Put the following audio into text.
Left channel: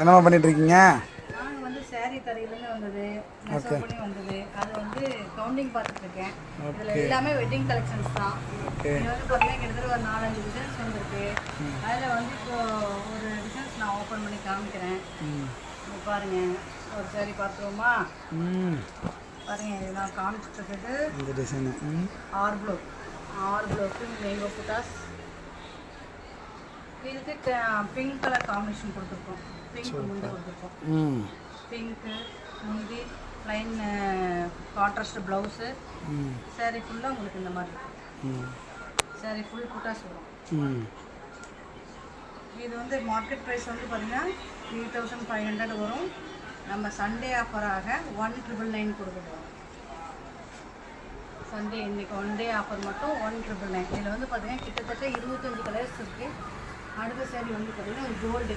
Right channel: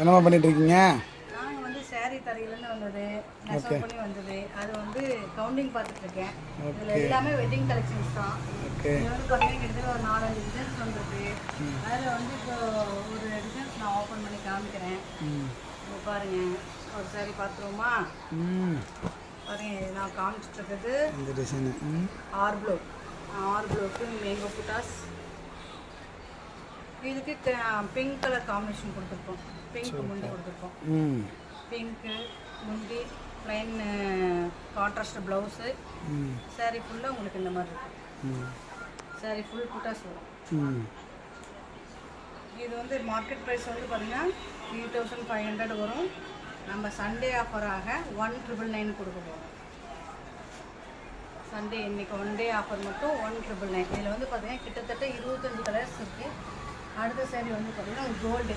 என்னம்மா பண்ணிட்டு இருக்கீங்க? நாங்கள் வந்து சேரீ தரையிலேருந்து வந்தது, மெசேஜ் பண்ணி வந்தது. அது வந்து கவுண்டிங் பார்த்துட்டு இருக்கேன். இதில் எல்லாமே வெட்டிங் கலெக்ஷன்ஸ் தான். இது வந்து பார்த்தீங்கன்னா கிட்டத்தட்ட ஒரு 4-5 டிசைன்ஸ் வந்திருக்கு. அதில் வந்து இப்போ ஒரு டிசைன்ஸ் நான் ஓப்பன் பண்ணி காமிக்கிறேன். பாருங்க, ஒரு சாரி பார்த்துருவோமா? பாருங்க, நான் காமிச்சிட்டு இருக்குது இந்த டிசைனு ஆர்ப்ளோக்கு மேங்கோ புட்டாஸ். இதுக்கு பிங்க் கலர் காம்பினேஷன் கொடுத்துருக்கோம். பிங்க் முந்தி கொடுத்துருக்கோம். பிங்க்கு முந்தி, ப்ளைன் கான்ட்ராஸ்ட் ப்ளவுஸு. சாரீ ஃபுல்லாக உங்களுக்கு இந்த மாதிரி இருக்கும். சாரீ ஃபுல் புட்டாஸ் வரும். இது வந்து மார்க்கெட் ப்ரைஸ் வந்து பார்த்தீங்கன்னா 3500 வரும். நம்ம சண்டே ஆஃபராக 1999 கொடுக்க போகிறோம். சண்டே இன்றைக்கி ஒன் டே ஆஃபர் மட்டும் 1999. இதில் வந்து பார்த்தீங்கன்னா கிட்டத்தட்ட 25 கலர்ஸ் இருக்குது. அடுத்த சாரீ வந்து பார்த்தீங்கன்னா கோல்டு